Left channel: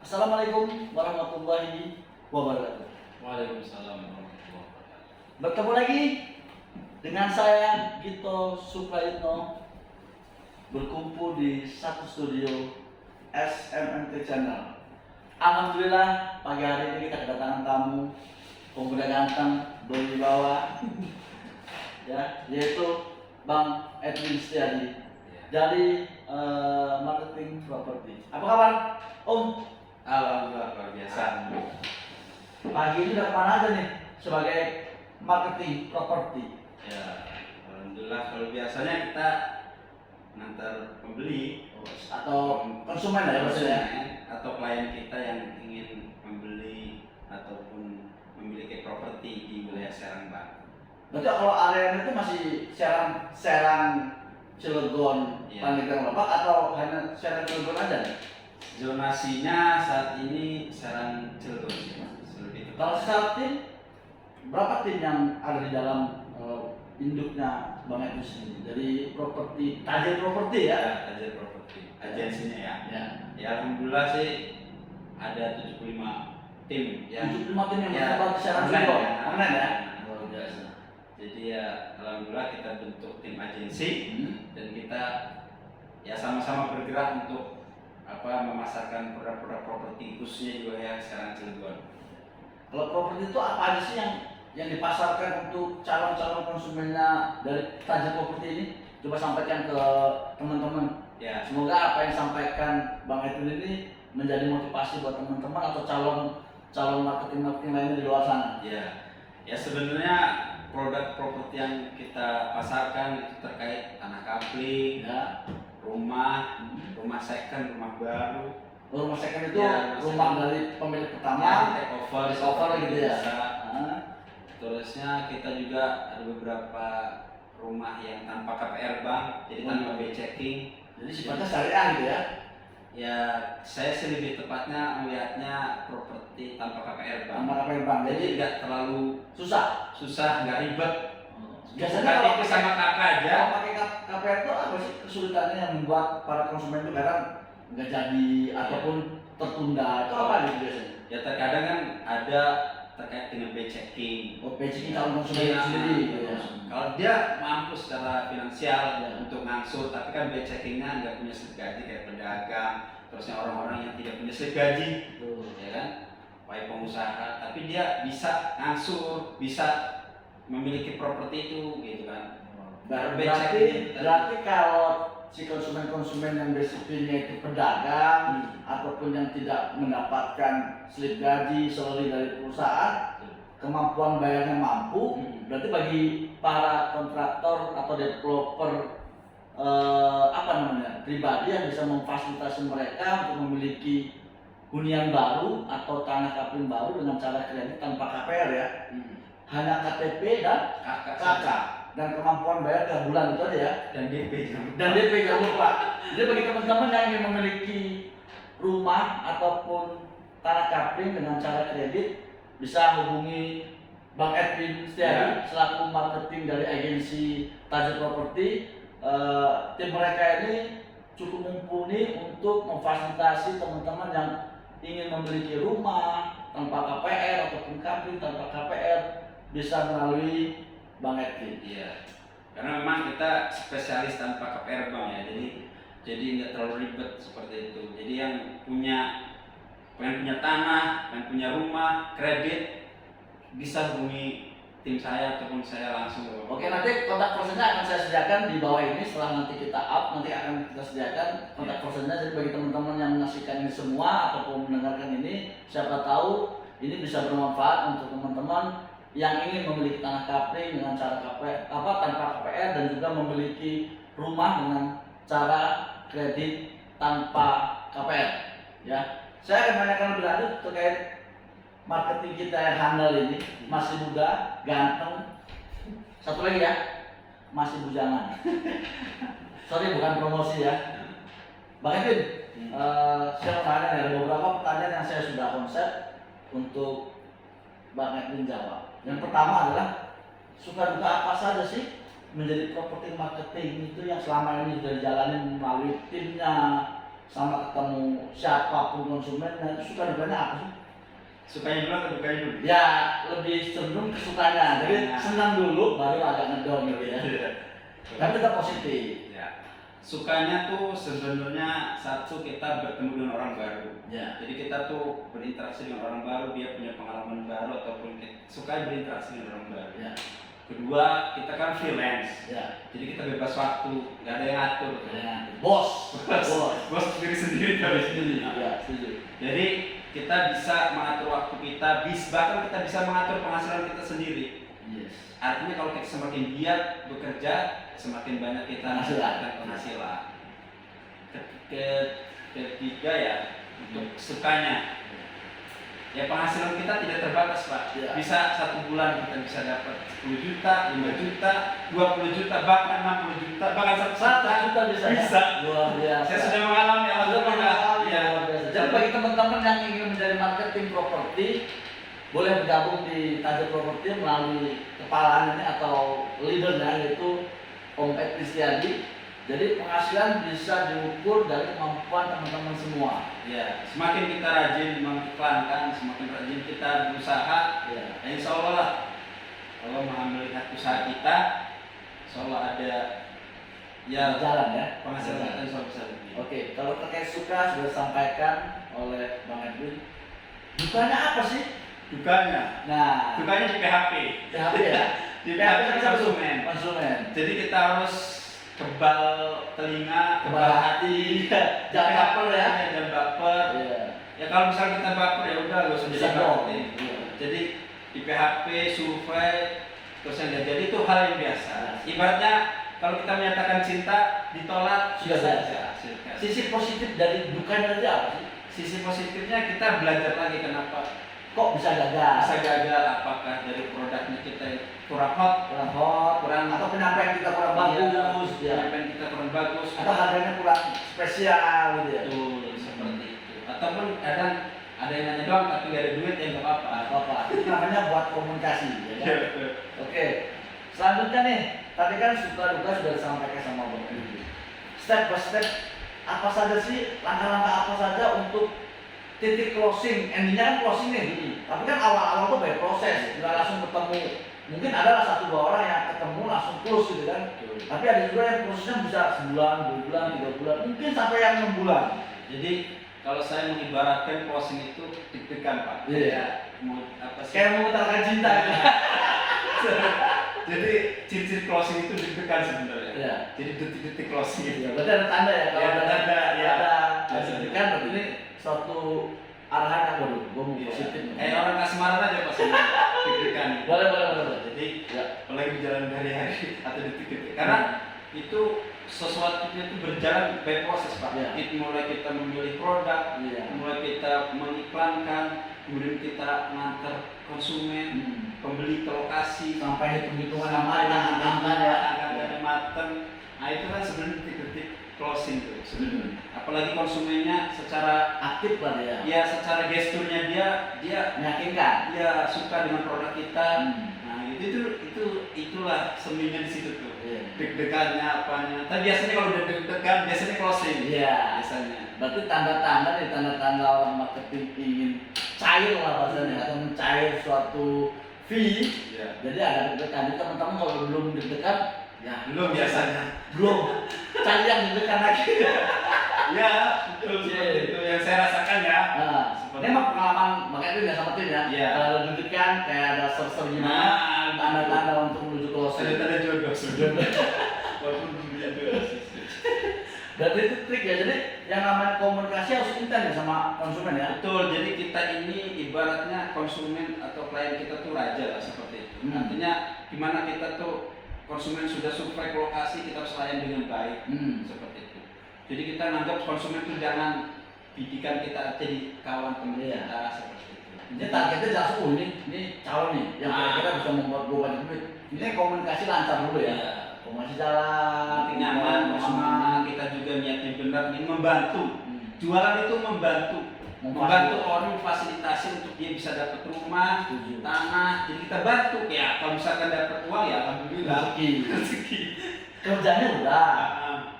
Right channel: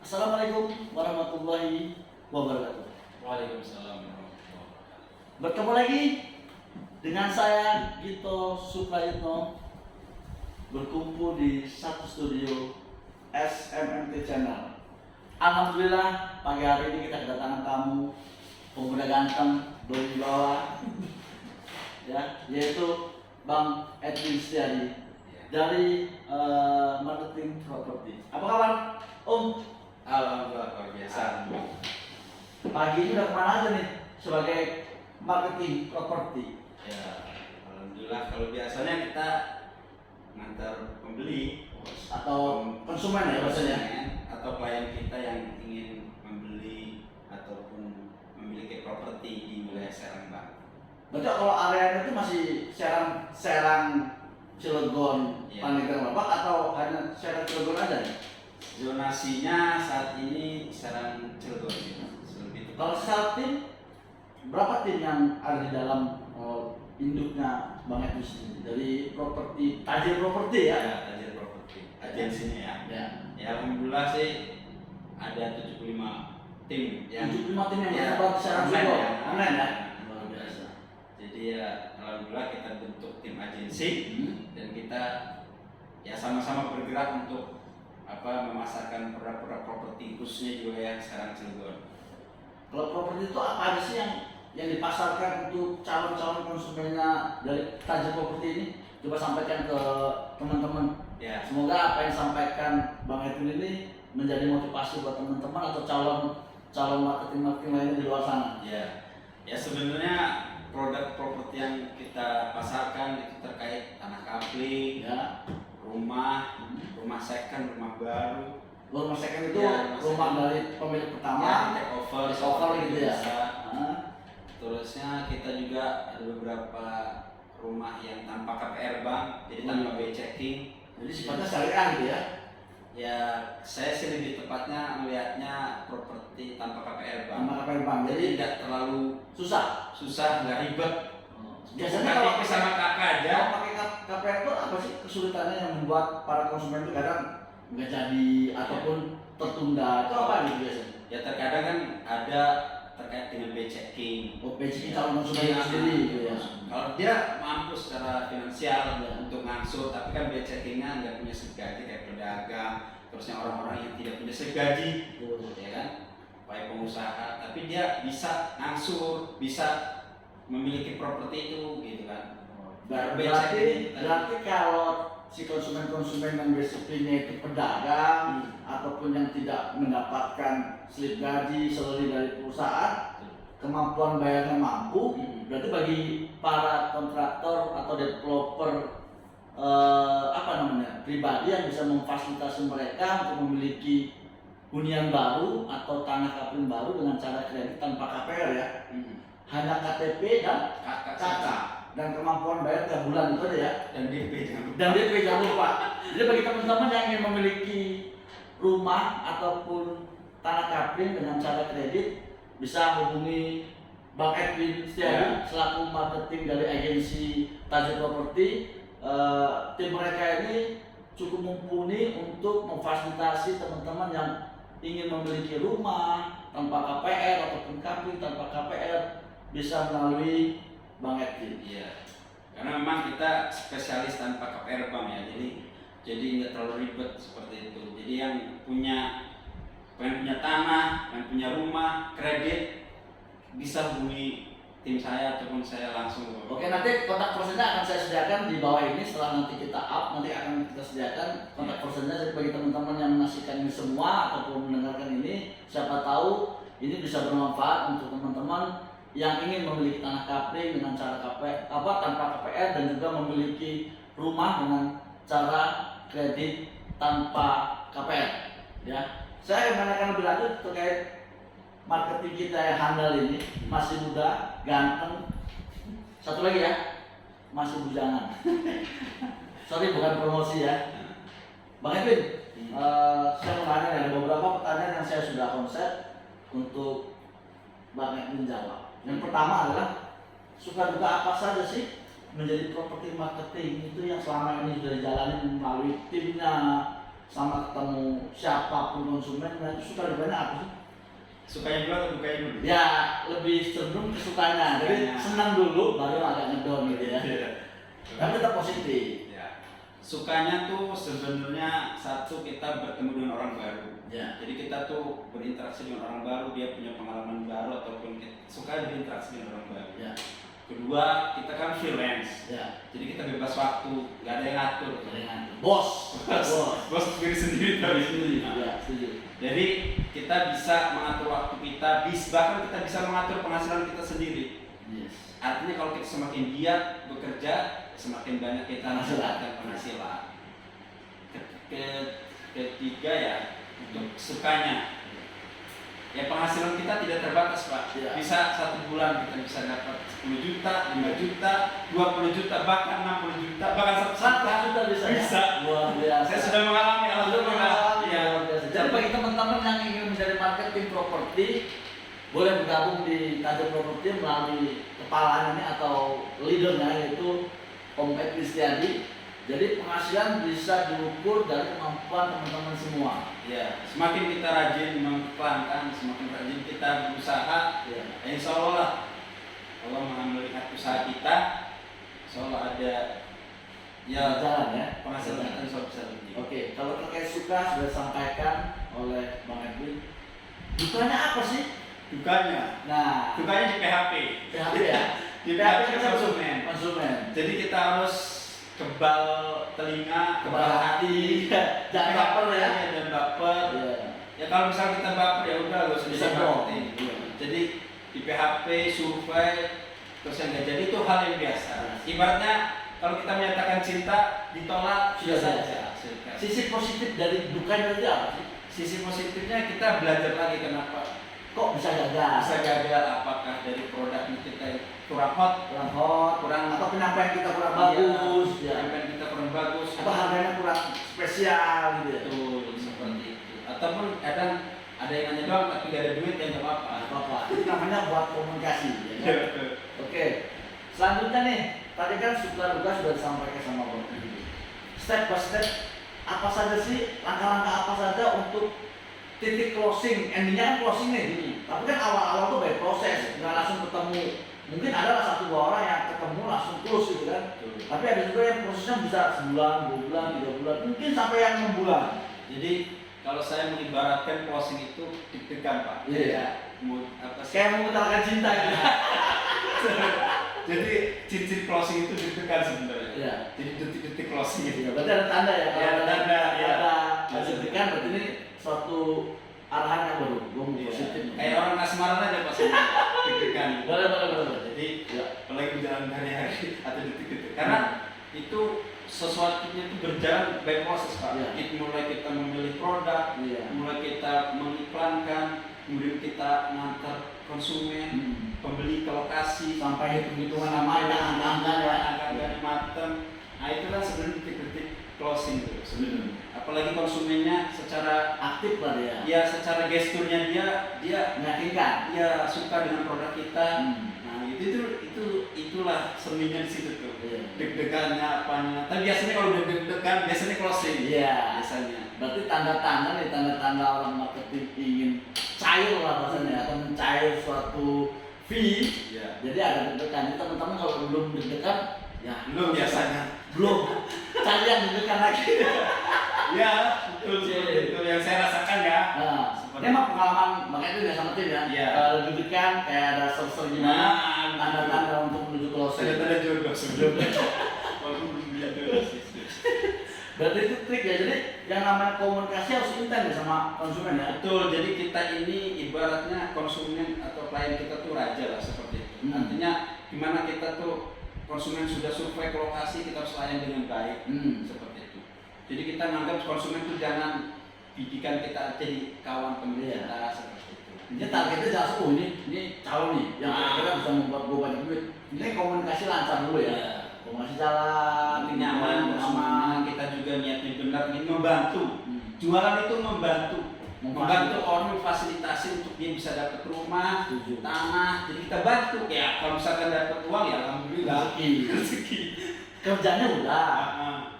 Assalamualaikum warahmatullahi wabarakatuh. Waalaikumsalam warahmatullahi wabarakatuh. Bertemu lagi dengan saya Gito Suprayitno, berkumpul di satu studio SMNT Channel. Alhamdulillah pagi hari ini kita kedatangan tamu pemuda ganteng berwibawa ya, yaitu Bang Edwin Setiadi dari marketing properti. Apa kabar Om? Alhamdulillah luar biasa. Pagi ini udah kemana aja nih sebagai marketing properti? Ya, alhamdulillah kalau biasanya kita ngantar pembeli Atau konsumen ya maksudnya? atau klien kita yang ingin membeli ataupun memiliki properti di wilayah Serang Banten. Berarti kalau area itu masih Serang Cilegon, Iya. Pandeglang Bapak atau hanya Serang Cilegon aja nih? Zonasinya saat ini Serang Cilegon ya, lebih Kalau tepat. secara tim, berapa tim yang ada di dalam induknya Bang Edwin sendiri? Dari properti, Tajir Properti ya? Ya, Tajir Properti, agensinya ya. Ya. Ya alhamdulillah sih ada 75 tim yang 75 tim yang ya, terdapat di Serang online Cilegon, ya. online ya? Luar biasa. Jadi ya alhamdulillah kita bentuk tim agensi Hmm. dan kita ya sama-sama bergerak untuk memasarkan produk-produk properti khususnya di wilayah Serang Cilegon. Kalau properti itu apa aja sih yang dipasarkan untuk calon-calon konsumennya dari Tajir Properti ini? Coba sampaikan ke teman-teman. Ya, Semoga apa yang disampaikan Bang Edwin ini menjadi motivasi buat teman-teman atau calon marketing lainnya di luar sana. ya sebenarnya produk properti yang kita pasarkan itu terkait tanah kapling, Ya, rumah second, rumah baru. rumah second itu Ya, rumah dari pemilik Ya, pertama. take over, take over gitu ya. bisa. Nah, Terusnya kita juga ada beberapa rumah yang tanpa KPR bank, jadi tanpa B checking. jadi sifatnya syariah gitu ya. Ya, saya sih lebih tepatnya melihatnya properti tanpa KPR bank. Tanpa KPR bank. Jadi Jadi nggak terlalu susah. nggak ribet. Biasanya kalau KTP sama kakak aja. kalau pakai KPR itu apa sih kesulitannya yang membuat para konsumen itu kadang nggak jadi ataupun tertunda? Itu apa gitu biasanya? Ya terkadang kan ada terkait dengan B checking. Oh, basic calon konsumen Iya, itu sendiri gitu ya. Kalau dia mampu secara finansial Ya. untuk ngangsur, tapi kan B checkingnya nggak punya slip gaji kayak pedagang, terusnya orang-orang yang tidak punya slip gaji, Betul. ya kan, baik pengusaha, tapi dia bisa ngangsur, bisa memiliki properti itu, gitu kan. Berarti kalau si konsumen-konsumen yang basicnya itu pedagang ataupun yang tidak mendapatkan slip gaji salary dari perusahaan, kemampuan bayarnya mampu, berarti bagi para kontraktor atau developer pribadi yang bisa memfasilitasi mereka untuk memiliki hunian baru atau tanah kapling baru dengan cara kredit tanpa KPR ya, hanya KTP dan KK dan kemampuan bayar tiap bulan itu aja ya, dan DP jangan lupa. Jadi bagi teman-teman yang ingin memiliki rumah ataupun tanah kapling dengan cara kredit, bisa hubungi Bang Edwin Setiadi selaku marketing dari agensi Tajir Properti. Tim mereka ini cukup mumpuni untuk memfasilitasi teman-teman yang ingin memiliki rumah tanpa KPR ataupun kapling tanpa KPR, bisa melalui Bang Edwin. Iya, karena memang kita spesialis tanpa KPR bank ya, jadi nggak terlalu ribet seperti itu. Jadi yang pengen punya tanah, pengen punya rumah, kredit, bisa hubungi tim saya ataupun saya langsung. Oke, nanti kontak personnya akan saya sediakan di bawah ini. Setelah nanti kita up, nanti akan kita sediakan kontak personnya. Jadi bagi teman-teman yang menyaksikan ini semua ataupun mendengarkan ini, siapa tahu ini bisa bermanfaat untuk teman-teman yang ingin memiliki tanah kapling dengan cara tanpa KPR dan juga memiliki rumah dengan cara kredit tanpa KPR. Ya, saya akan menanyakan lebih lanjut terkait marketing kita yang handal ini, masih muda, ganteng. Satu lagi ya, masih bujangan. Sorry, bukan promosi ya. Bang Edwin, saya mau tanya, ada beberapa pertanyaan yang saya sudah konsep untuk Bang Edwin jawab. Yang pertama adalah suka duka apa saja sih menjadi properti marketing itu yang selama ini sudah dijalani melalui timnya sama ketemu siapapun konsumen, nah itu suka dukanya apa sih? Sukanya dulu atau dukanya dulu? Ya lebih cenderung ke sukanya, jadi senang dulu baru agak ngedown gitu ya. Iya. Tapi tetap positif. Ya. Sukanya tuh sebenarnya satu, kita bertemu dengan orang baru. Ya. Jadi kita tuh berinteraksi dengan orang baru, dia punya pengalaman baru ataupun suka berinteraksi dengan orang baru. Ya. Kedua, kita kan freelance. Ya. Jadi kita bebas waktu, nggak ada yang ngatur. Bos. Bos diri sendiri. Ya, setuju. Jadi kita bisa mengatur waktu kita, bahkan kita bisa mengatur penghasilan kita sendiri. Yes. Artinya kalau kita semakin giat bekerja, semakin banyak kita mendapatkan penghasilan. Ketiga ya, untuk sukanya, ya penghasilan kita tidak terbatas Pak. Ya. Bisa 1 bulan kita bisa dapat 10 juta, 5 juta, 20 juta, bahkan 60 juta, bahkan 100 juta bisa. Bisa. Luar biasa. Saya sudah mengalami, alhamdulillah. Ya. Jadi bagi teman-teman yang ingin menjadi marketing properti, boleh bergabung di Tajam Properti melalui kepala ini atau leadernya yaitu Om Ed Kristiadi. Jadi penghasilan bisa diukur dari kemampuan teman-teman semua. Ya, semakin kita rajin mengiklankan, semakin rajin kita berusaha, Ya. insya Allah lah, Allah Maha melihat usaha kita, insya Allah ada ya Jalan ya. penghasilan kita insya Allah bisa lebih. Oke, kalau terkait suka sudah disampaikan oleh Bang Edwin. Dukanya apa sih? Dukanya, Nah, dukanya di PHP. PHP ya. Di PHP konsumen. Konsumen. Jadi kita harus kebal telinga, Kebal hati. Jangan baper ya. Jangan baper. Iya. Ya kalau misalnya kita baper ya udah gak usah Bisa jadi dong. marketing. Iya. Jadi di PHP, survei, terus yang nggak jadi itu hal yang biasa. Ibaratnya kalau kita menyatakan cinta ditolak Sudah saja. Silakan. Sisi positif dari dukanya tadi apa sih? Sisi positifnya kita belajar lagi kenapa Kok bisa gagal? bisa gagal, apakah dari produknya kita kurang hot, Kurang hot, kurang atau penyampaian kita kurang bagus, ya. penyampaian kita kurang bagus, Atau harganya kurang spesial gitu ya. betul seperti itu. Ataupun kadang ada yang nanya doang tapi gak ada duit ya nggak apa-apa. Apa? Itu namanya buat komunikasi. Ya kan? Iya, betul. Oke. Selanjutnya nih, tadi kan suka duka sudah disampaikan sama Bang Edwin. Step by step, apa saja sih langkah-langkah apa saja untuk titik closing, endingnya kan closing nih gini. Tapi kan awal-awal tuh by proses, nggak langsung ketemu. Mungkin ada 1-2 orang yang ketemu langsung close gitu kan. Tapi ada juga yang prosesnya bisa sebulan, 2 bulan, 3 bulan, mungkin sampai yang 6 bulan. Jadi kalau saya mengibaratkan closing itu deg-degan Pak. Iya. Kayak mau apa sih? Kayak mengutarakan cinta gitu. Jadi ciri-ciri closing itu deg-degan sebenarnya. Iya. Jadi detik-detik closing itu. Ya, berarti ada tanda ya kalau Ya, ada tanda, ya. ada deg-degan berarti ini suatu arahan yang baru, gue mau positif. Orang kasmaran aja pas deg-degan. Boleh. Jadi Ya. apalagi berjalan hari-hari atau detik-detik. Karena itu sesuatunya itu berjalan by proses Pak. Ya. Mulai kita memilih produk, Iya. mulai kita mengiklankan, kemudian kita ngantar konsumen, pembeli ke lokasi, Sampai hitung-hitungan sampai matang, angkanya. angka matang. Nah itu kan sebenarnya detik-detik closing tuh sebenarnya. Apalagi konsumennya secara Aktif lah dia. ya secara gesturnya dia Meyakinkan. ya suka dengan produk kita. Hmm. Nah itulah seninya di situ tuh. Iya. Deg-degannya apanya. Tapi biasanya kalau udah deg-degan biasanya closing. Iya. Biasanya. Berarti tanda-tanda nih, tanda-tanda orang marketing ingin cair lah bahasanya atau mencair suatu fee. Ya. Jadi ada deg-degan. Jadi teman-teman kalau belum deg-degan, ya Belum biasanya. belum. Cari yang deg-degan lagi. Ya, betul seperti itu yang saya rasakan ya. Nah, ini emang pengalaman makanya itu udah sama tim ya. Iya. Kalau deg-degan kayak ada server gimana, tanda-tanda untuk menuju closing. Tanda-tanda jodoh sebenarnya. Walaupun belum bilang jodoh sih. Berarti itu trik ya. Jadi yang namanya komunikasi harus intens ya sama konsumen ya. Betul, jadi kita ini ibaratnya konsumen atau klien kita tuh raja lah seperti itu. Artinya gimana kita tuh konsumen sudah survei ke lokasi, kita harus layan dengan baik seperti itu. Jadi kita nganggap konsumen itu jangan bidikan kita jadi kawan teman Iya. kita seperti itu. Ini targetnya jelas, oh ini calon nih yang kira-kira bisa membuat gue banyak duit. Ini komunikasi lancar dulu ya. Iya. Komunikasi jalan, Nanti nyaman, konsumennya kita juga niatnya benar ingin membantu. Jualan itu membantu orang fasilitasi untuk dia bisa dapat rumah, Setuju. tanah. Jadi kita bantu ya. Kalau misalkan dapat uang ya alhamdulillah. Rezeki. Kerjanya udah.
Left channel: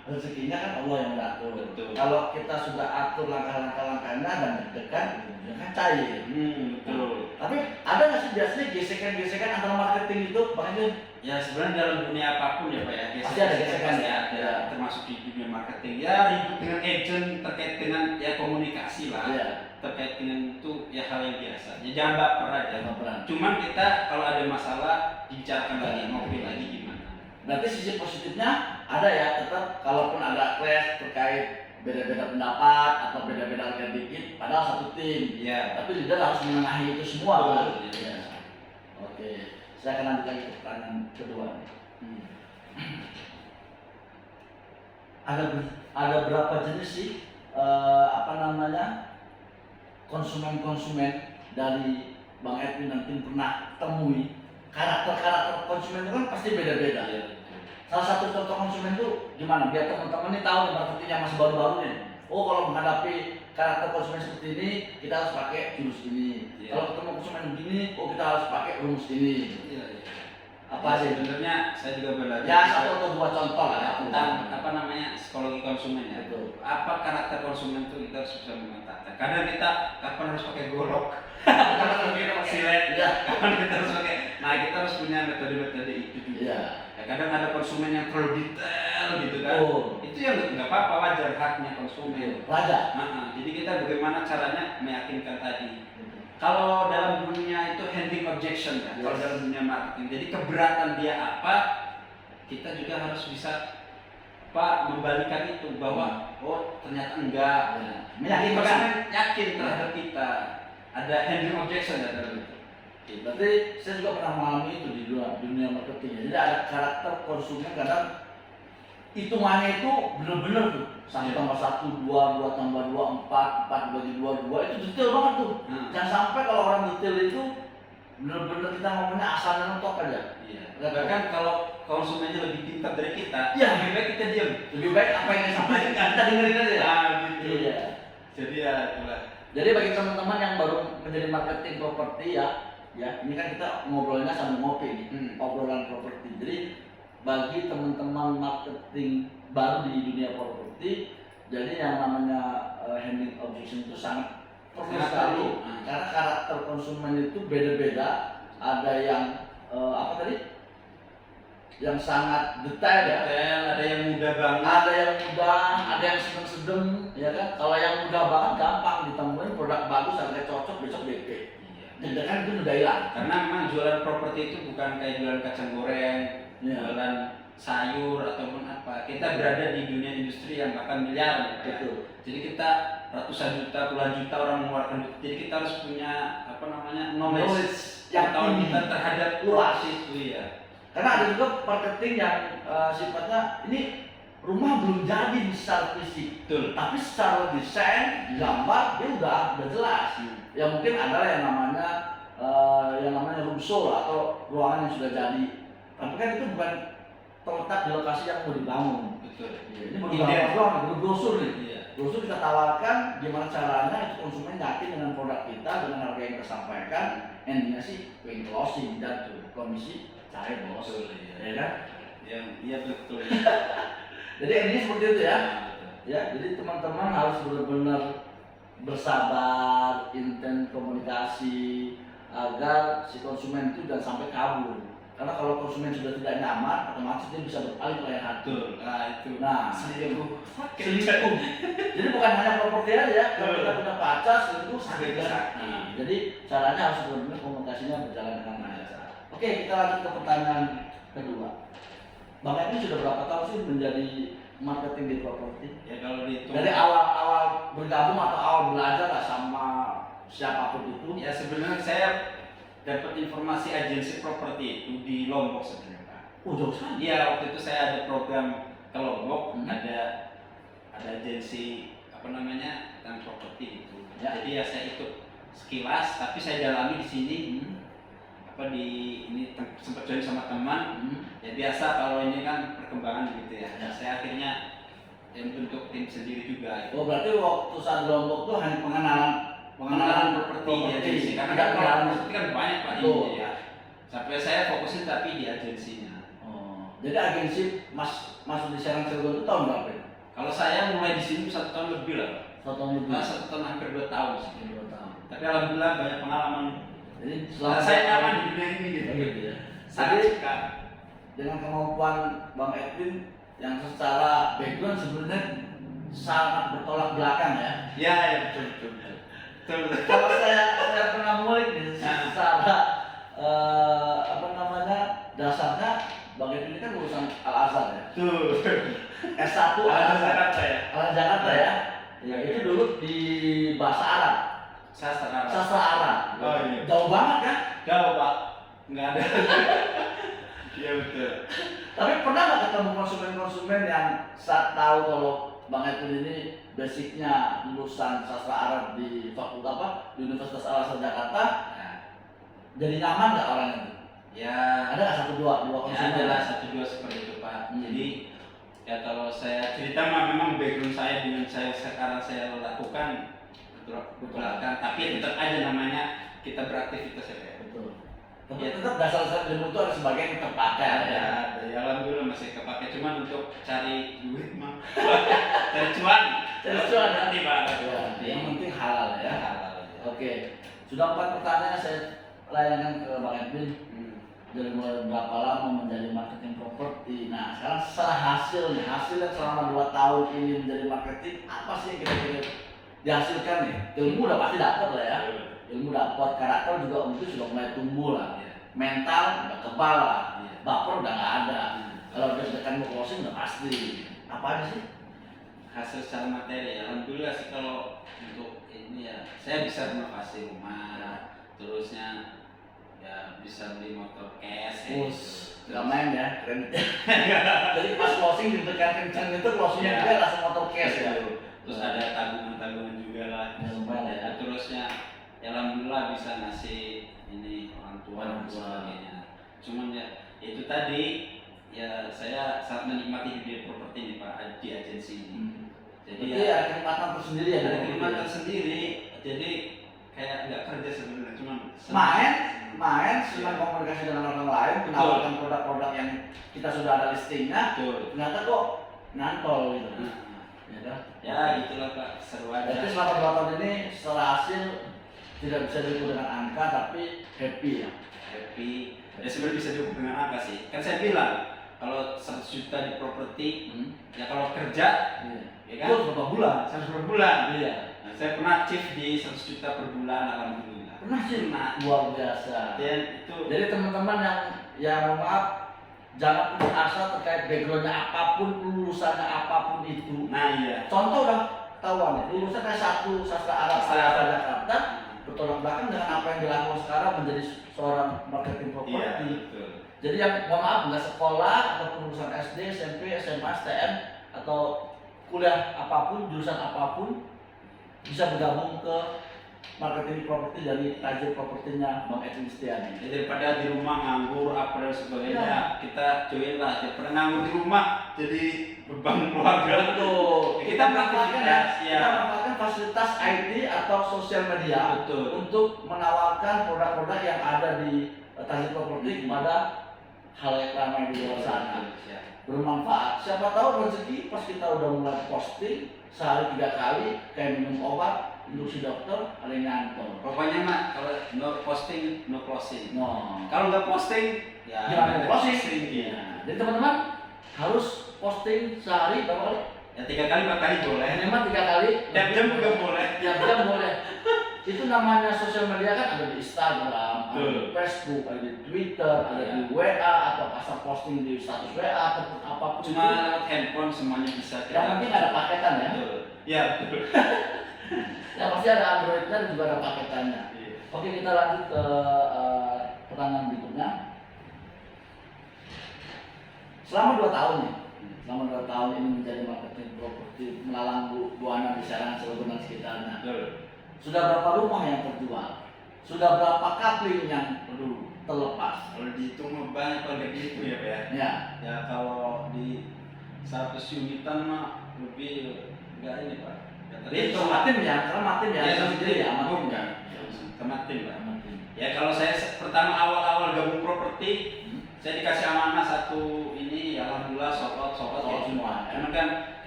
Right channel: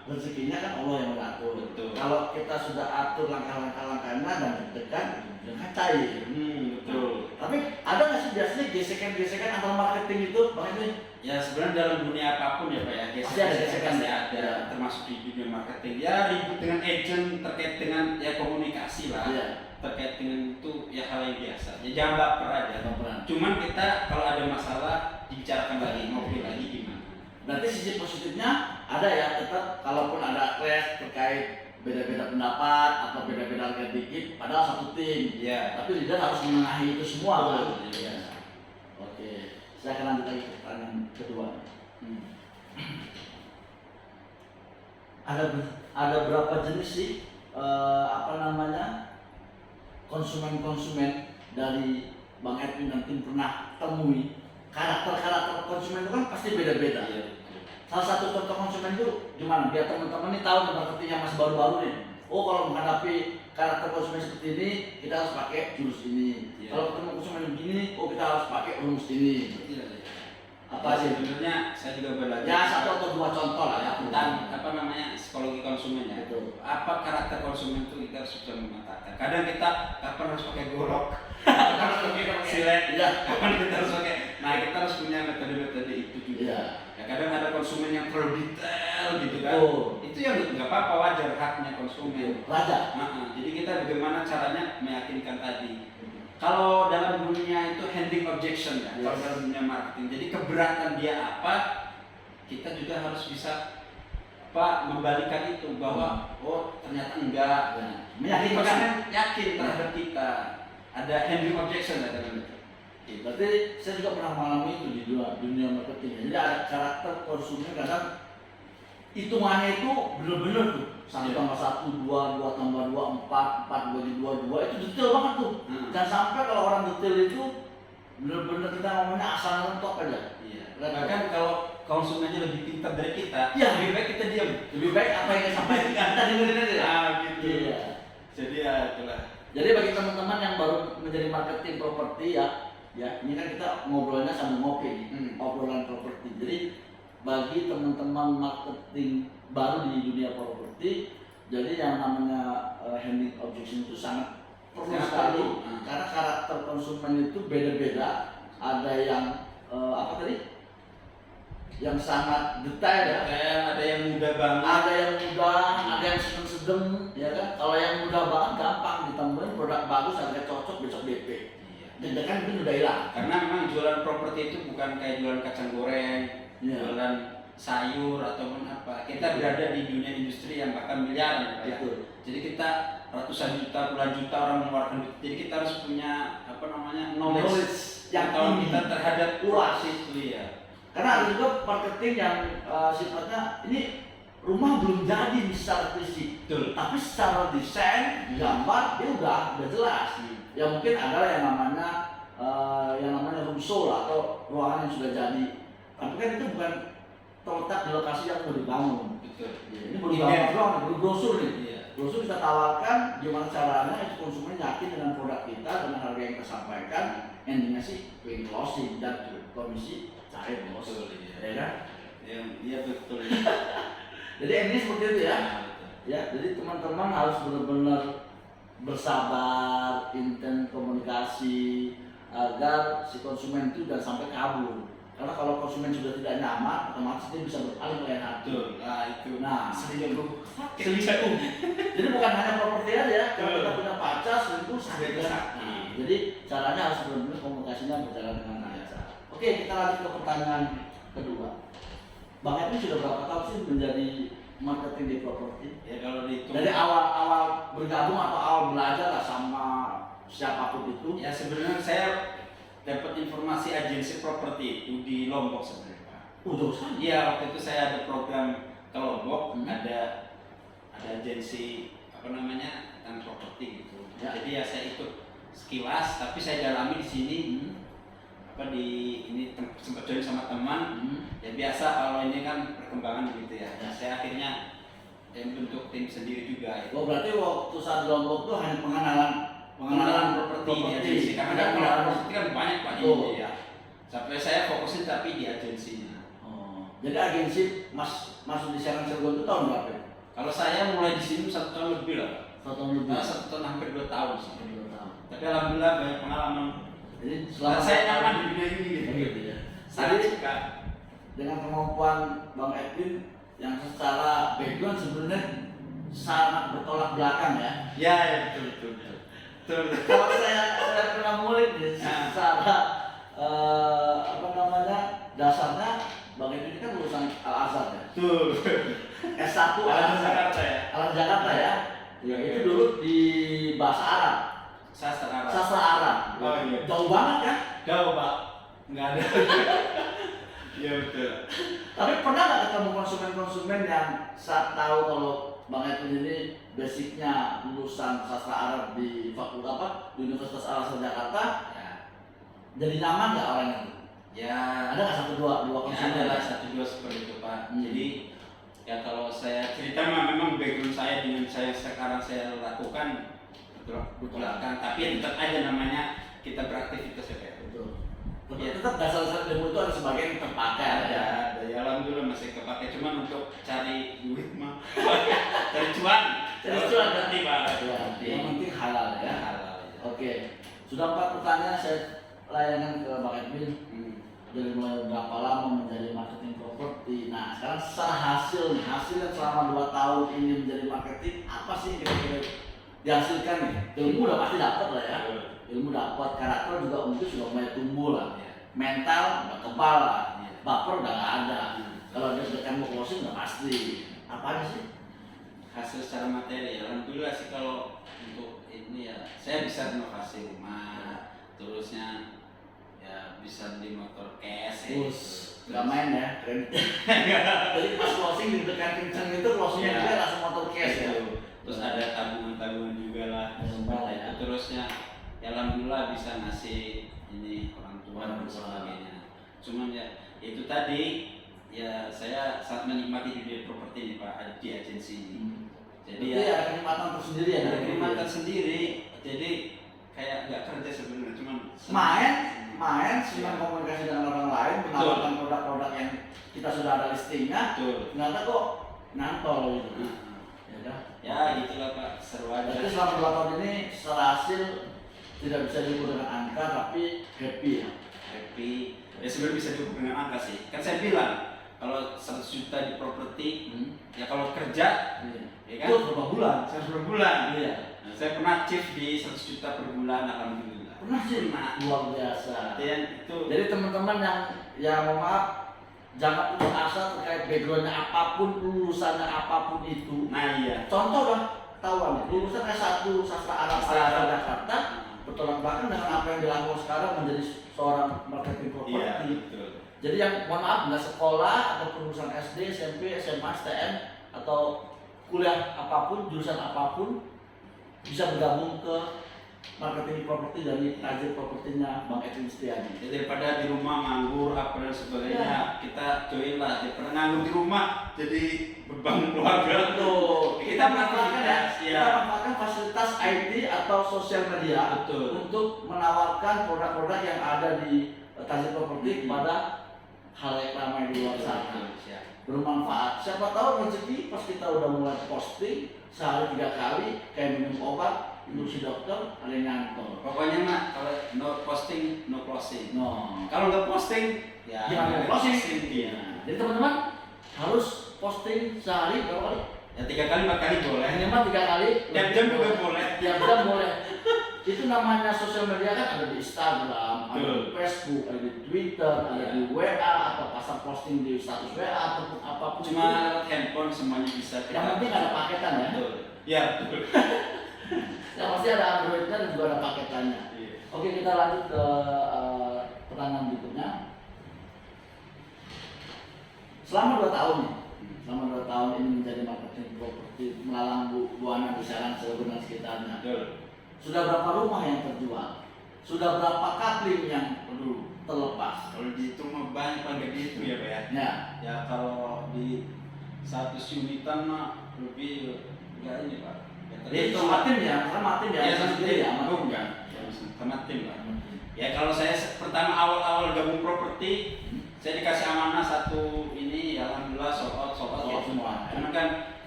rezekinya kan Allah yang mengatur. Betul. Kalau kita sudah atur langkah-langkahnya dan deg-degan, ya kan cair. Betul. Tapi ada nggak sih biasanya gesekan-gesekan antara marketing itu, Bang Edwin? Ya sebenarnya dalam dunia apapun ya Pak ya, Pasti ada gesekan, pasti ya. ada, termasuk di dunia marketing. Ya ribut dengan agent terkait dengan ya komunikasi lah, Iya. terkait dengan itu ya hal yang biasa. Ya jangan baper aja. Baperan. Cuman kita kalau ada masalah dibicarakan lagi, ngobrol lagi gimana. Berarti sisi positifnya ada ya, tetap kalaupun ada clash terkait beda-beda pendapat atau beda-beda harga dikit, padahal satu tim. Iya. Tapi leader harus menengahi itu semua, Pak. Betul, iya. Oke, saya akan lanjut lagi ke pertanyaan kedua. Ada berapa jenis sih konsumen-konsumen dari Bang Edwin dan tim pernah temui? Karakter konsumen itu kan pasti beda-beda. Iya. Salah satu contoh konsumen itu gimana? Biar teman-teman ini tahu nih marketing yang masih baru-baru nih. Oh, kalau menghadapi karakter konsumen seperti ini, kita harus pakai jurus ini. Iya. Kalau ketemu konsumen begini, oh kita harus pakai rumus ini. Iya. Apa Ya, sih? sebenarnya saya juga belajar Ya satu atau dua contoh lah ya tentang apa namanya psikologi konsumen ya. Betul. Apa karakter konsumen itu kita harus bisa memetakan. Kadang kita kapan harus pakai golok, kapan harus kita pakai silet, Iya. kapan kita harus pakai. Nah kita harus punya metode-metode itu juga. Iya. Ya, kadang ada konsumen yang terlalu detail gitu kan. Oh. Itu yang nggak apa-apa, wajar haknya konsumen. Raja. Jadi kita bagaimana caranya meyakinkan tadi. Kalau dalam dunia itu handling objection ya, kalau Yes. dalam dunia marketing, jadi keberatan dia apa, kita juga harus bisa membalikan itu bahwa oh ternyata enggak. Ya. Jadi Meyakinkan. konsumen yakin terhadap kita. Ada handling objection ya dalam itu. Berarti saya juga pernah mengalami itu di dunia marketing. Jadi ada karakter konsumen kadang hitungannya itu bener-bener tuh. Satu Iya. tambah satu, dua tambah dua, empat bagi dua, itu detail banget tuh. Jangan sampai kalau orang detail itu bener-bener kita ngomongnya asalnya mentok aja. Iya. Bahkan kalau konsumennya lebih pintar dari kita, Iya. lebih baik kita diam. Lebih baik apa yang disampaikan kita dengerin aja ya. Gitu. Iya. Jadi ya itulah. Jadi bagi teman-teman yang baru menjadi marketing properti ya, ini kan kita ngobrolnya sambil ngopi nih, obrolan properti. Jadi bagi teman-teman marketing baru di dunia properti, jadi yang namanya handling objection itu sangat perlu Sangat sekali perlu. karena karakter konsumen itu beda-beda. Ada yang apa tadi? Yang sangat detail ya. Ada yang mudah banget. Ada yang mudah, ada yang sedang-sedang, ya kan? Kalau yang mudah banget gampang ditemuin produk bagus, harga cocok, besok DP. Iya. Dan kan itu udah hilang. Karena memang jualan properti itu bukan kayak jualan kacang goreng, Iya. jualan sayur ataupun apa. Kita berada di dunia industri yang bahkan miliaran. Ya. Betul. Jadi kita ratusan juta, puluhan juta orang mengeluarkan duit. Jadi kita harus punya knowledge yang pengetahuan tinggi. kita terhadap Luas. itu ya. Karena ada juga marketing yang sifatnya ini rumah belum jadi secara fisik, Betul. tapi secara desain, gambar dia udah jelas. Ya mungkin adalah yang namanya room show lah, atau ruangan yang sudah jadi. Tapi kan itu bukan terletak di lokasi yang mau dibangun. Betul. Ini baru gambar doang, baru brosur nih. Iya. Brosur kita tawarkan gimana caranya itu konsumen yakin dengan produk kita, dengan harga yang kita sampaikan. Endingnya sih pengen closing dan komisi cair bos. Betul, iya. Ya kan? Iya betul. Jadi endingnya seperti itu ya. Nah, betul. Ya, jadi teman-teman harus benar-benar bersabar, intens komunikasi agar si konsumen itu jangan sampai kabur. Karena kalau konsumen sudah tidak nyaman, otomatis dia bisa berpaling ke lain hati. Betul. Nah itu. Nah, selingkuh. selingkuh. Jadi bukan hanya properti aja ya. Kalau kita punya pacar, selingkuh sakit kan. Sakit. Nah, jadi caranya harus benar-benar komunikasinya berjalan dengan lancar. Oke, kita lanjut ke pertanyaan kedua. Bang Edwin sudah berapa tahun sih menjadi marketing di properti? Ya kalau dihitung. Dari awal bergabung atau awal belajar lah sama siapapun itu? Ya sebenarnya saya dapat informasi agensi properti itu di Lombok sebenarnya Pak. Jauh sekali. Iya waktu itu saya ada program ke Lombok, Hmm. ada agensi tentang properti gitu. Ya. Jadi ya saya ikut sekilas, tapi saya dalami di sini. Ini sempat join sama teman. Ya biasa kalau ini kan perkembangan gitu ya. Ya. Saya akhirnya bentuk tim sendiri juga. Oh berarti waktu saat di Lombok itu hanya pengenalan properti di agensi karena kan properti kan banyak Pak Oh. ini ya. Sampai saya fokusin tapi di agensinya. Oh, jadi agensi masuk di Serang Cilegon itu tahun berapa? Kalau saya mulai di sini 1 tahun lebih lah. 1 tahun lebih. 1 tahun hampir 2 tahun sih. 2 tahun. Tapi alhamdulillah banyak pengalaman. Jadi Selama saya nyaman di dunia ini gitu. gitu ya. Sangat Jadi suka. dengan kemampuan Bang Edwin yang secara background sebenarnya sangat bertolak belakang ya. Ya, ya betul betul. Betul. betul. Kalau saya pernah ngulik nih Nah. secara apa namanya dasarnya Bang Edwin ini kan lulusan Al Azhar ya. Tuh. S1 Al Ada Azhar. Jakarta ya. Al Jakarta ya. Ya itu dulu di bahasa Arab, Sastra Arab. sastra Arab. Oh iya. Jauh banget kan? Jauh Pak. Nggak ada. Iya betul. Tapi pernah nggak ketemu konsumen-konsumen yang saat tahu kalau Bang Edwin ini basicnya lulusan sastra Arab di fakultas apa di Universitas Al Azhar Jakarta, Ya. jadi nyaman nggak orang itu? Ya. Ada nggak satu dua Ya konsumen? adalah 1-2 seperti itu Pak. Hmm. Jadi ya kalau saya cerita memang background saya dengan saya sekarang saya lakukan betul belakang, tapi tetap aja namanya kita beraktivitas ya Pak. Betul. Ya. Tetap dasar-dasar ilmu itu ada sebagian yang terpakai ya. Ya alhamdulillah masih kepake, cuman untuk cari duit mah cari cuan. Cari cuan, ya? nanti Pak. Ya, Nanti. yang penting halal ya. Halal, ya. Oke, sudah 4 pertanyaan saya layankan ke Bang Edwin. Hmm. Dari mulai berapa lama menjadi marketing properti. Nah sekarang secara hasilnya selama 2 tahun ini menjadi marketing, apa sih yang kira-kira dihasilkan nih? Ilmu udah pasti dapat lah ya, ilmu dapat, karakter juga mungkin sudah mulai tumbuh lah, Iya. mental udah kebal lah, Iya. baper udah nggak ada. Iya. Kalau deg-degan mau closing udah pasti. Apa aja sih? Hasil secara materi alhamdulillah sih. Kalau untuk ini ya saya bisa renovasi rumah, terusnya ya bisa beli motor cash ya, Terus gitu. nggak main ya, kreditnya. Jadi pas closing deg-degan kencang itu closingnya Iya. juga langsung motor cash ya. Terus ada tabungan-tabungan juga lah. Lumayan ya. Terusnya ya alhamdulillah bisa ngasih ini orang tua dan Orang tua. sebagainya. Cuman ya itu tadi ya saya sangat menikmati dunia properti ini Pak, di agensi ini. Jadi Jadi ya kenikmatan tersendiri ya ada dari kenikmatan sendiri. Jadi kayak nggak kerja sebenarnya, cuman main senang komunikasi dengan orang lain, menawarkan produk-produk yang kita sudah ada listingnya, Betul. ternyata kok nantol gitu. Nah, Ya kan? ya gitulah Pak, seru Jadi aja. selama 2 tahun ini secara hasil tidak bisa diukur dengan angka tapi happy ya. Happy. Ya sebenarnya bisa diukur dengan angka sih. Kan saya bilang kalau 100 juta di properti, ya kalau kerja, Iya. ya kan? Itu berapa bulan? 100 per bulan. Iya. Nah, saya pernah chief di 100 juta per bulan, alhamdulillah. Pernah sih? Pernah. Luar biasa. Dan itu Jadi teman-teman yang mohon maaf jangan putus asa terkait backgroundnya apapun, lulusannya apapun itu. nah iya. Contoh udah ketahuan nih, lulusan S1 sastra Arab Sastra Arab. Jakarta, bertolak belakang dengan apa yang dilakukan sekarang menjadi seorang marketing Iya, properti. betul. Jadi yang mohon maaf nggak sekolah atau lulusan SD, SMP, SMA, STM atau kuliah apapun, jurusan apapun bisa bergabung ke marketing properti dari tajir propertinya Bang Edwin Setiadi. Ya, daripada di rumah nganggur apa dan sebagainya, Iya. kita join lah. Daripada nganggur di rumah jadi beban keluarga. Betul. Kita manfaatkan ya. Kita manfaatkan fasilitas IT atau sosial media Betul. untuk menawarkan produk-produk yang ada di tajir properti kepada halayak ramai di luar sana. Siap. Bermanfaat. Siapa tahu rezeki pas kita udah mulai posting sehari 3 kali kayak minum obat, induksi dokter, ada yang nyantol. Pokoknya mah kalau no posting, no closing. No. Kalau nggak posting, ya Gimana nggak closing? Iya. Jadi teman-teman harus posting sehari berapa kali? Ya 3 kali 4 kali boleh. Minimal 3 kali. Tiap jam juga boleh. Tiap jam boleh. Itu namanya sosial media kan ada di Instagram, ada di Betul. Facebook, ada di Twitter, ada di WA atau pasang posting di status WA ataupun apapun. Cuma itu. lewat handphone semuanya bisa Yang penting ada paketan ya. Betul. Ya betul. Yang pasti ada Androidnya dan juga ada paketannya. Iya. Oke, kita lanjut ke pertanyaan berikutnya. Selama 2 tahun nih, selama 2 tahun ini menjadi marketing properti melalang buana di Serang, Cilegon dan sekitarnya. Betul. Sudah berapa rumah yang terjual? Sudah berapa kapling yang terlepas? Kalau dihitung mah banyak banget gitu ya Pak ya. Ya, Ya kalau di 100 unitan mah lebih enggak ini Pak. jadi sama tim ya, sama tim ya, Ya sama sama sendiri ya, sama tim bukan. ya. Sama tim Pak. Sama tim. Ya kalau saya pertama awal-awal gabung properti, saya dikasih amanah satu ini, ya alhamdulillah sold out Sold out semua. Karena kan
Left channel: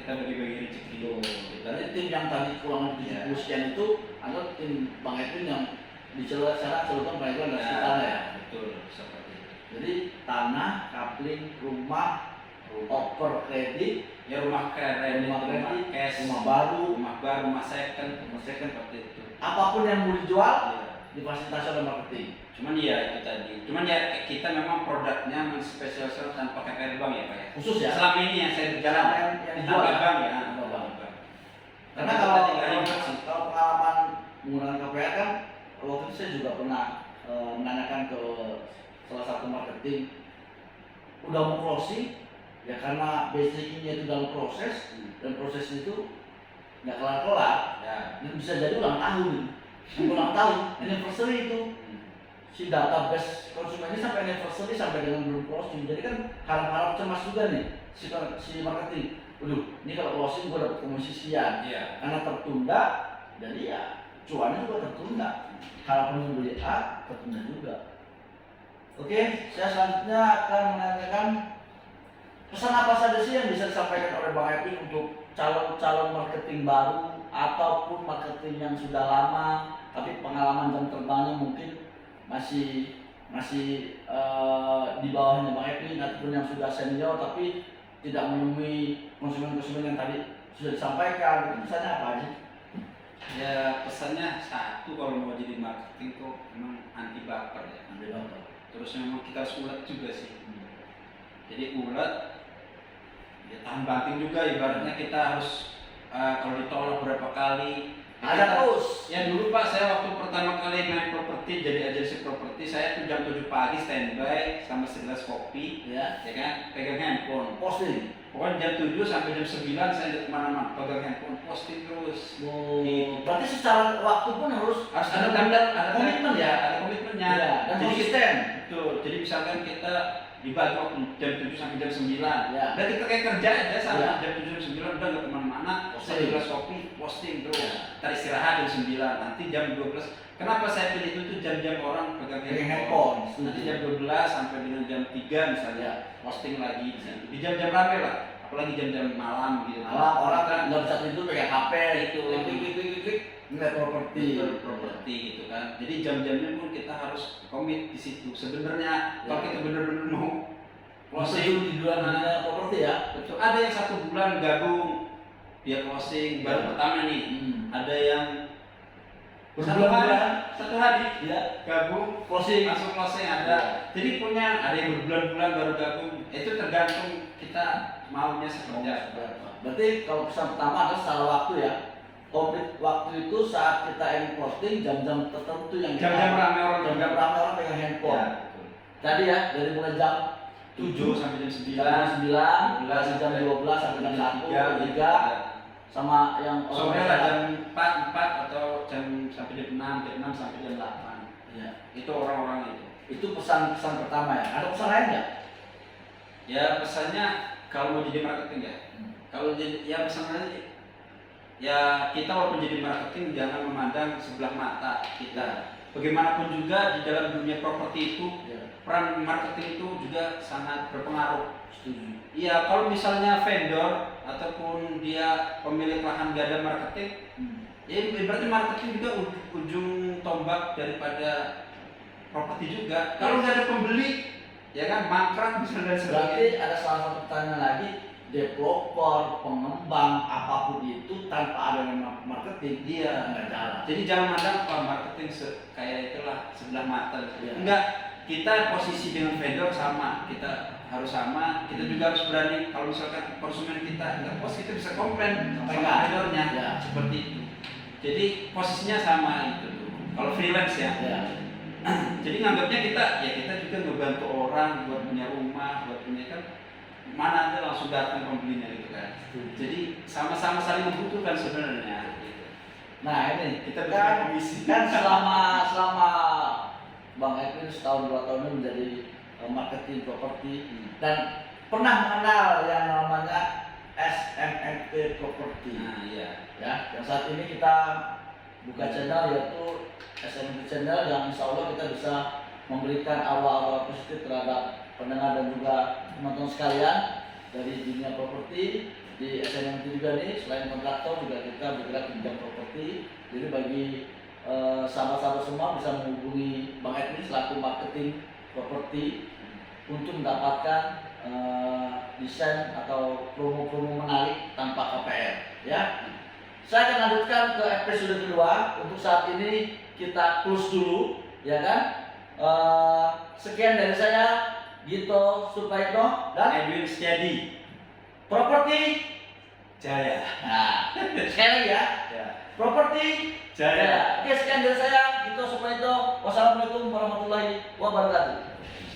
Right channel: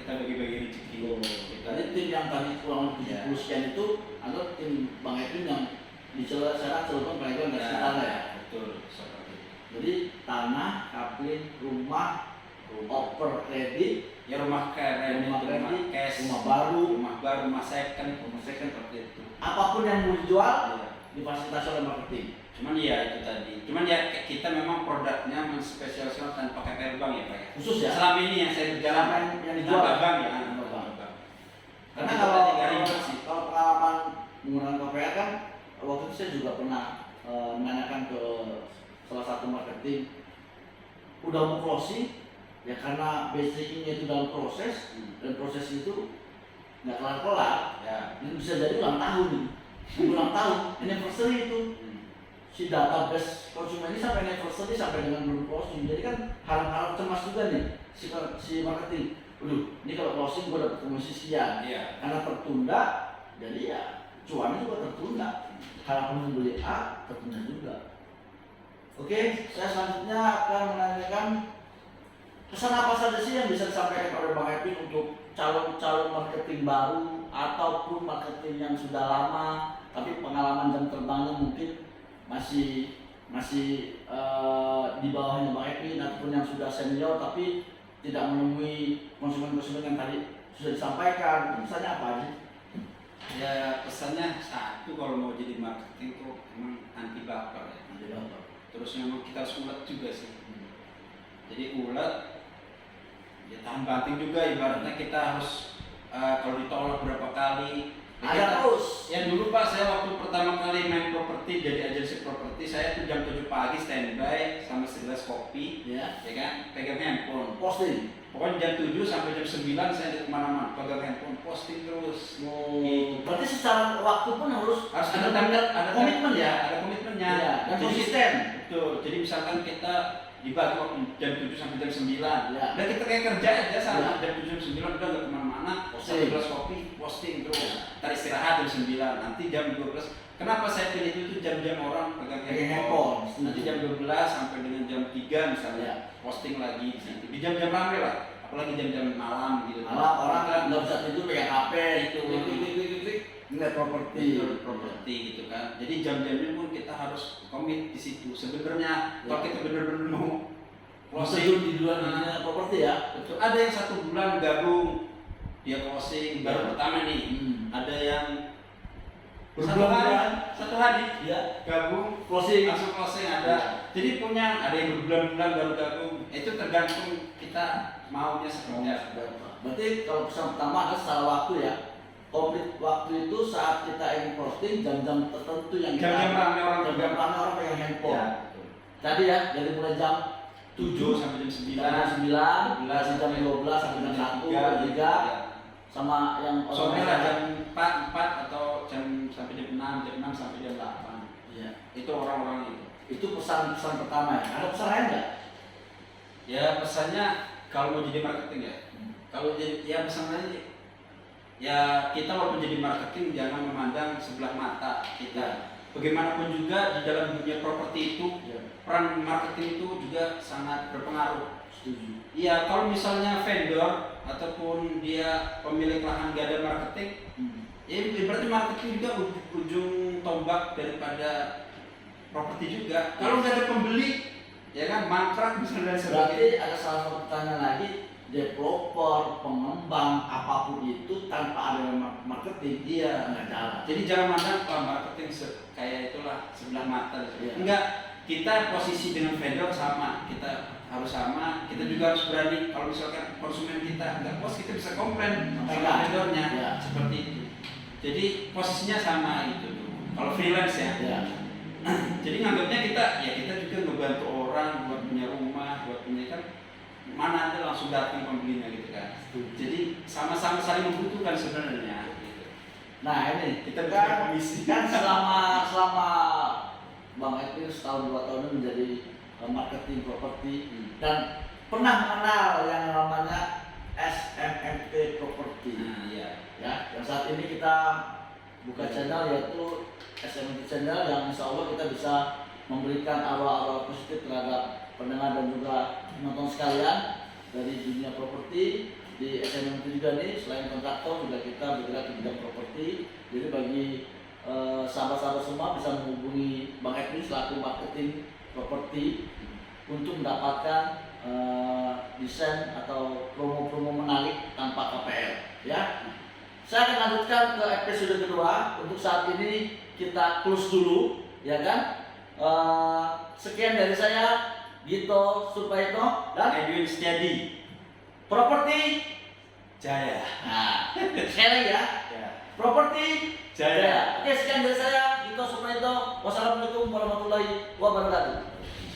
kita bagi-bagi rezeki. Jadi tim yang tadi kurang lebih 70 sekian itu adalah tim Bang Edwin yang sekarang celupkan Bang Edwin dari tanah ya. Betul, seperti itu. Jadi tanah, kapling, rumah, over kredit, Ya rumah kredit, rumah cash, rumah baru, rumah second seperti itu. apapun yang mau dijual Ya. difasilitasi oleh marketing. Cuman ya itu tadi. Cuman ya kita memang produknya menspesialisasikan pakai air bank ya Pak ya. Khusus ya. Selama ini yang saya berjalan yang dijual bank ya. Tambah bank. Karena Karena kalau kalau pengalaman menggunakan KPR kan waktu itu saya juga pernah menanyakan ke salah satu marketing, udah mau closing ya karena basicnya itu dalam proses dan proses itu nggak kelar-kelar ya. dan bisa jadi ulang tahun anniversary itu si database konsumen ini sampai anniversary sampai dengan belum closing. Jadi kan harap-harap cemas juga nih si marketing. Waduh, ini kalau closing gue dapat komisi sekian. Iya. Karena tertunda, jadi ya cuannya juga tertunda. Harapan membeli A tertunda juga. Oke, saya selanjutnya akan menanyakan pesan apa saja sih yang bisa disampaikan oleh Bang Edwin untuk calon-calon marketing baru ataupun marketing yang sudah lama tapi pengalaman jam terbangnya mungkin masih di bawahnya Bang Edwin ataupun yang sudah senior tapi tidak menemui konsumen-konsumen yang tadi sudah disampaikan. Itu pesannya apa aja? Ya pesannya satu, kalau mau jadi marketing tuh emang anti baper ya. Nanti bapak. Terus memang kita harus ulet juga sih. Jadi ulet, ya tahan banting juga, ibaratnya kita harus kalau ditolak berapa kali. Ada terus. Yang dulu Pak, saya waktu pertama kali main properti, jadi agensi properti, saya tuh jam 7 pagi standby sama segelas kopi, Ya. kan, pegang handphone. Posting. Pokoknya jam 7 sampai jam 9 saya di kemana-mana, pegang handphone, posting terus. Gitu. Berarti secara waktu pun harus Ada tanggal, ada komitmen ya. ada komitmennya. Ya, dan Jadi, konsisten. betul. Jadi misalkan kita dibagi waktu jam 7 sampai jam 9. Ya. Dan kita kayak kerja aja sampai Ya. jam 7 jam 9 udah nggak kemana-mana. Posting. Satu gelas kopi, posting terus. Ya. Ntar istirahat jam 9. Nanti jam 12. Kenapa saya pilih itu jam-jam orang pegang handphone. Nanti jam 12 sampai dengan jam 3 misalnya Ya. posting lagi di situ. Di jam-jam rame lah. Apalagi jam-jam malam gitu. Malah orang kan Kita- nggak bisa tidur pegang HP itu, klik, nilai properti. properti gitu kan. Jadi jam-jamnya pun kita harus komit di situ. Sebenarnya kalau Ya. kita benar-benar mau Closing di luar namanya properti ya. betul. Ada yang 1 bulan gabung dia closing baru Ya. pertama nih. Ada yang Berbulan-bulan. satu hari Ya. gabung Closing. langsung closing ada. Jadi ada yang berbulan-bulan baru gabung. Itu tergantung kita maunya seperti apa. Berarti kalau pesan pertama adalah secara waktu ya. Komplit waktu itu saat kita ingin posting jam-jam tertentu yang Jam-jam rame orang jam-jam rame orang pegang handphone. Ya, betul. Tadi ya dari mulai jam 7 sampai jam 9. jam 9, jam 12 sampai jam 1, 3, sama yang Sore lah jam 4 atau jam sampai jam 6 sampai jam 8. Iya. Itu orang-orang itu. Itu pesan-pesan pertama ya. Ada pesan lain nggak? Ya pesannya kalau mau jadi marketing ya. Kalau jadi ya pesannya ya kita walaupun jadi marketing jangan memandang sebelah mata kita. Bagaimanapun juga di dalam dunia properti itu peran marketing itu juga sangat berpengaruh. Setuju. Iya, kalau misalnya vendor ataupun dia pemilik lahan gak ada marketing, ya berarti marketing juga ujung tombak daripada properti juga. Kalau nggak ada pembeli, ya kan mangkrak misalnya dan Berarti sebagainya. ada salah satu pertanyaan lagi, developer, pengembang, apapun itu tanpa ada marketing dia nggak jalan. Jadi jangan mandang marketing kayak itulah sebelah mata. Iya. Enggak, kita posisi dengan vendor sama, kita harus sama, kita juga harus berani. Kalau misalkan konsumen kita nggak puas, kita bisa komplain sama Pegang. vendornya, Ya. seperti itu. Jadi posisinya sama gitu tuh. Kalau freelance ya. Ya. Jadi nganggapnya kita juga ngebantu orang buat punya rumah, buat punya kan mana aja langsung datang pembelinya gitu kan. Jadi sama-sama saling membutuhkan sebenarnya. Gitu. Nah ini Kita kan, komisi. kan selama Bang Edwin setahun 2 tahun ini menjadi marketing properti dan pernah mengenal yang namanya SMMP Property. Nah iya. Ya, yang saat ini kita buka channel yaitu SMMP Channel yang insya Allah kita bisa memberikan awal-awal positif terhadap pendengar dan juga penonton sekalian dari dunia properti. di SMM itu juga nih, selain kontraktor juga kita bergerak di bidang properti. Jadi bagi sahabat-sahabat semua bisa menghubungi Bang Edwin selaku marketing properti untuk mendapatkan desain atau promo-promo menarik tanpa KPR ya. Saya akan lanjutkan ke episode kedua. Untuk saat ini kita close dulu ya kan. Sekian dari saya, Gito Supraitno dan Edwin Setiadi, Properti Jaya. Nah, sekali ya. Ya. Properti Jaya. Oke, sekian dari saya, Gito Supraitno. Wassalamualaikum warahmatullahi wabarakatuh.